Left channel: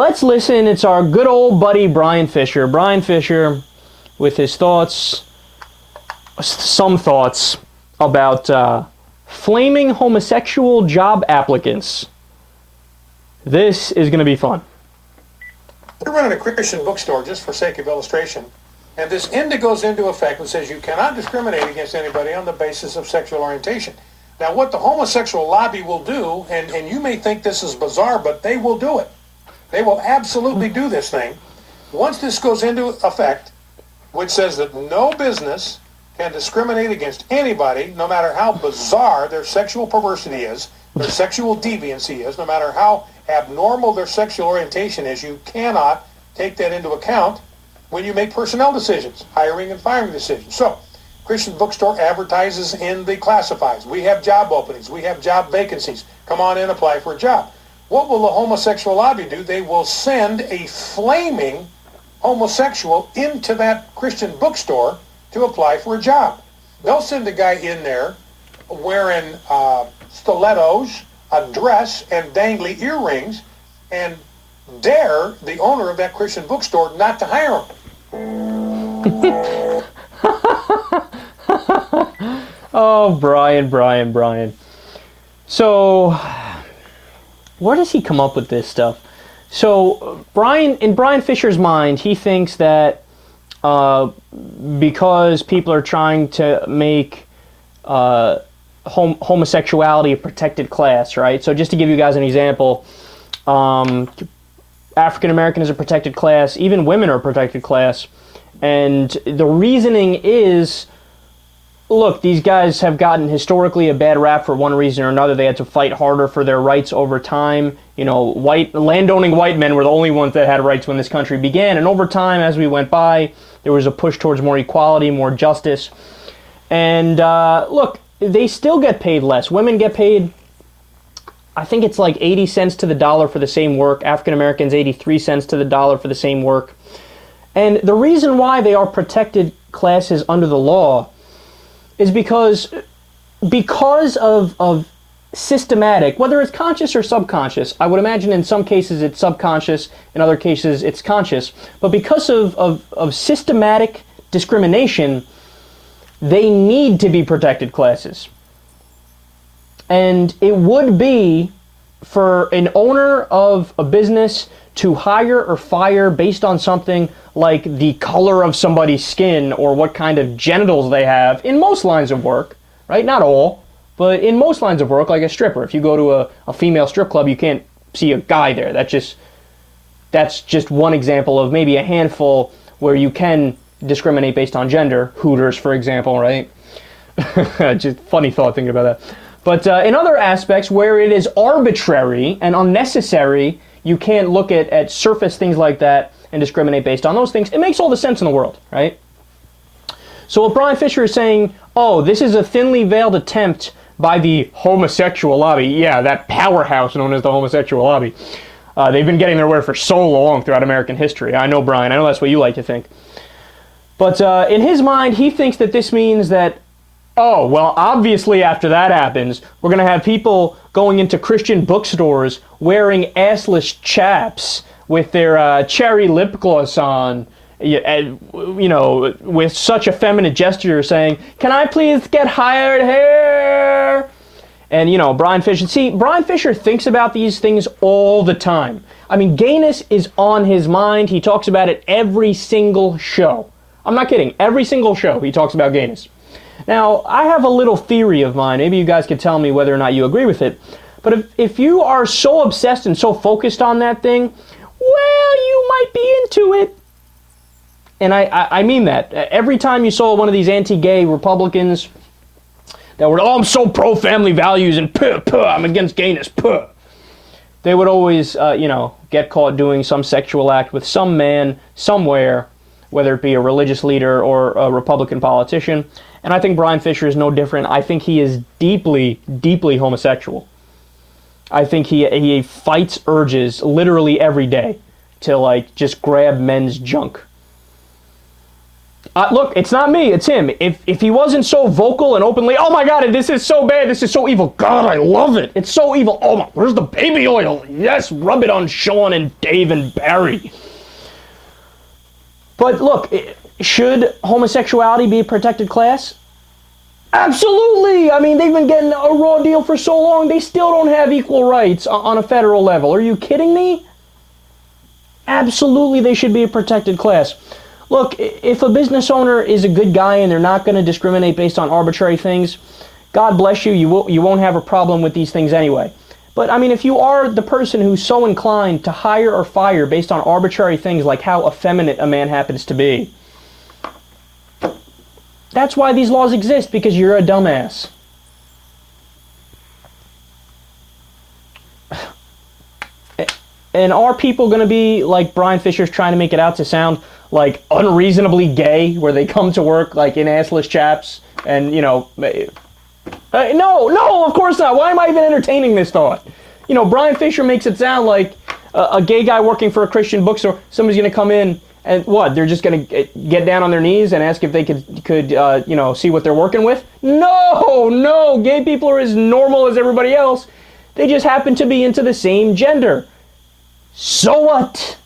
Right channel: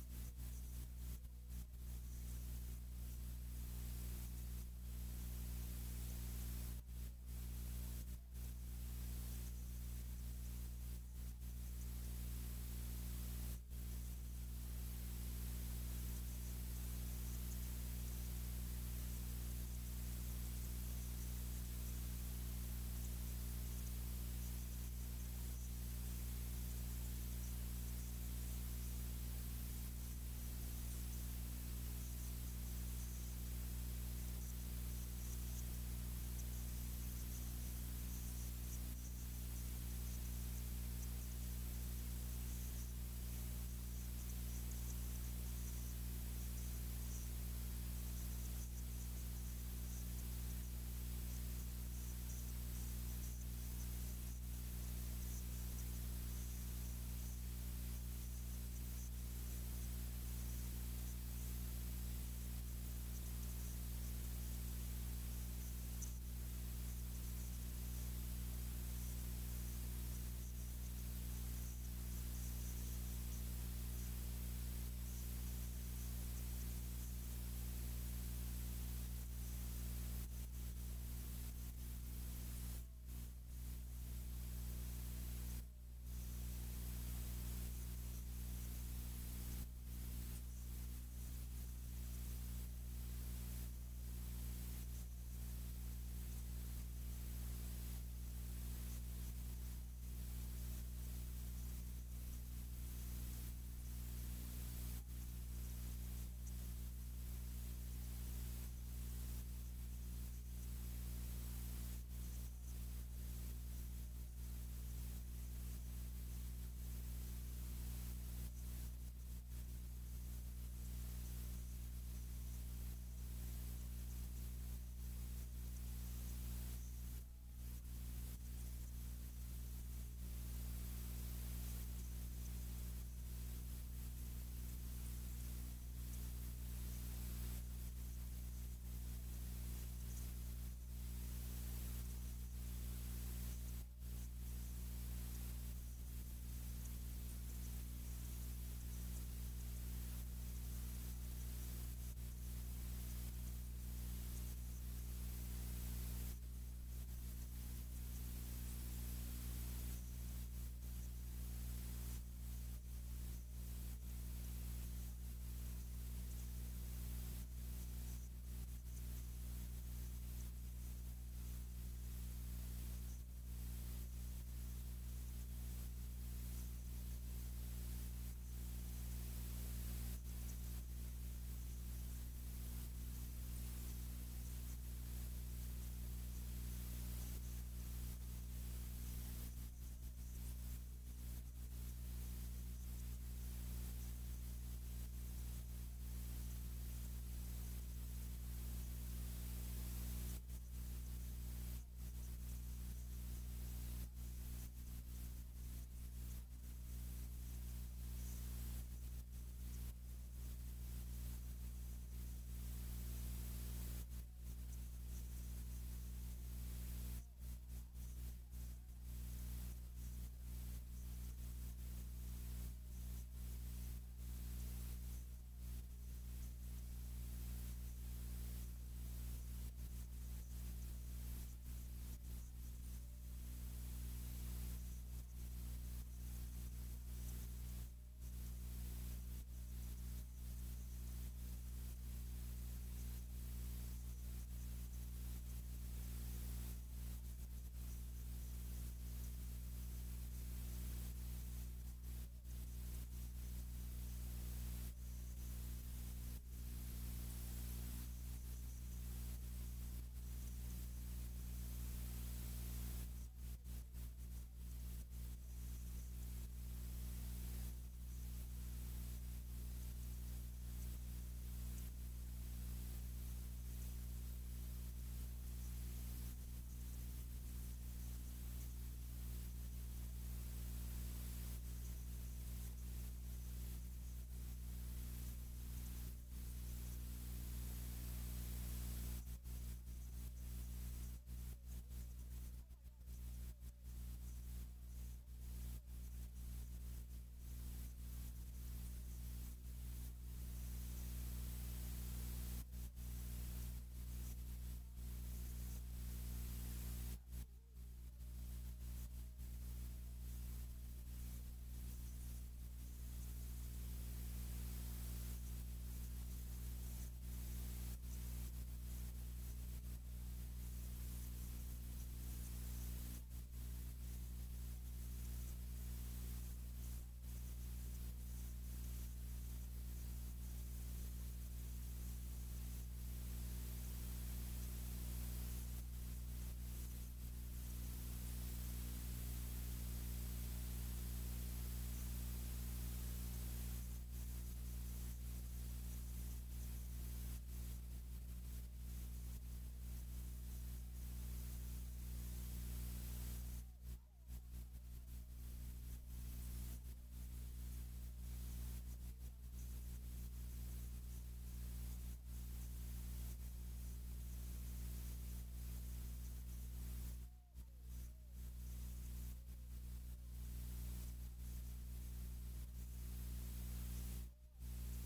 let's listen. It's our good old buddy Bryan Fischer. Bryan Fischer with his thoughts, some thoughts about flaming homosexual job applicants. This is going to be fun. We're running a Christian bookstore just for sake of illustration. And this end goes into effect and says you cannot discriminate against anybody on the basis of sexual orientation. Now, what the homosexual lobby will do, and you may think this is bizarre, but they will do it. They will absolutely do this thing. Once this goes into effect, which says that no business can discriminate against anybody, no matter how bizarre their sexual perversity is, their sexual deviancy is, no matter how abnormal their sexual orientation is, you cannot take that into account when you make personnel decisions, hiring and firing decisions. So, Christian Bookstore advertises in the classifieds. We have job openings. We have job vacancies. Come on in, apply for a job. What will the homosexual lobby do? They will send a flaming homosexual into that Christian bookstore to apply for a job. They'll send a guy in there wearing stilettos, a dress, and dangly earrings, and dare the owner of that Christian bookstore not to hire him. Oh, Bryan. So, where does he come up with this stuff? So, in Bryan Fischer's mind, he thinks that because people are trying to make homosexuality a protected class, right? So just to give you guys an example, African American is a protected class, even women are a protected class, and the reasoning is, look, these guys have gotten historically a bad rap for one reason or another. They had to fight harder for their rights over time. You know, landowning white men were the only ones that had rights when this country began, and over time, as we went by, there was a push towards more equality, more justice. And look, they still get paid less. Women get paid, I think it's like 80 cents to the dollar for the same work. African Americans, 83 cents to the dollar for the same work. And the reason why they are protected classes under the law is because of systematic, whether it's conscious or subconscious. I would imagine in some cases it's subconscious, in other cases it's conscious. But because of systematic discrimination, they need to be protected classes. And it would be for an owner of a business to hire or fire based on something like the color of somebody's skin or what kind of genitals they have in most lines of work, right? Not all, but in most lines of work, like a stripper. If you go to a female strip club, you can't see a guy there. That's just one example of maybe a handful where you can discriminate based on gender. Hooters, for example, right? Just funny thought thinking about that. But in other aspects where it is arbitrary and unnecessary, you can't look at surface things like that and discriminate based on those things. It makes all the sense in the world, right? So what Bryan Fischer is saying, oh, this is a thinly veiled attempt by the homosexual lobby. Yeah, that powerhouse known as the homosexual lobby. They've been getting their way for so long throughout American history. I know, Bryan. I know that's what you like to think. But in his mind, he thinks that this means that, oh, well, obviously after that happens, we're going to have people going into Christian bookstores wearing assless chaps with their cherry lip gloss on, you know, with such effeminate gesture saying, "Can I please get hired here?" And, you know, Bryan Fischer thinks about these things all the time. I mean, gayness is on his mind. He talks about it every single show. I'm not kidding. Every single show he talks about gayness. Now, I have a little theory of mine. Maybe you guys could tell me whether or not you agree with it. But if you are so obsessed and so focused on that thing, well, you might be into it. And I mean that. Every time you saw one of these anti-gay Republicans that were, oh, I'm so pro-family values and I'm against gayness, they would always, get caught doing some sexual act with some man somewhere, whether it be a religious leader or a Republican politician. And I think Bryan Fischer is no different. I think he is deeply, deeply homosexual. I think he fights urges literally every day to, like, just grab men's junk. Look, it's not me, it's him. If he wasn't so vocal and openly, oh my God, this is so bad, this is so evil. God, I love it. It's so evil. Oh my, where's the baby oil? Yes, rub it on Sean and Dave and Barry. But look, should homosexuality be a protected class? Absolutely. I mean, they've been getting a raw deal for so long, they still don't have equal rights on a federal level. Are you kidding me? Absolutely, they should be a protected class. Look, if a business owner is a good guy and they're not going to discriminate based on arbitrary things, God bless you, you won't have a problem with these things anyway. But I mean, if you are the person who's so inclined to hire or fire based on arbitrary things like how effeminate a man happens to be, that's why these laws exist, because you're a dumbass. And are people going to be like Bryan Fischer's trying to make it out to sound like unreasonably gay, where they come to work like in assless chaps and, you know, no, of course not. Why am I even entertaining this thought? You know, Bryan Fischer makes it sound like a gay guy working for a Christian bookstore, somebody's going to come in and what? They're just going to get down on their knees and ask if they could you know, see what they're working with? No, gay people are as normal as everybody else. They just happen to be into the same gender. So what?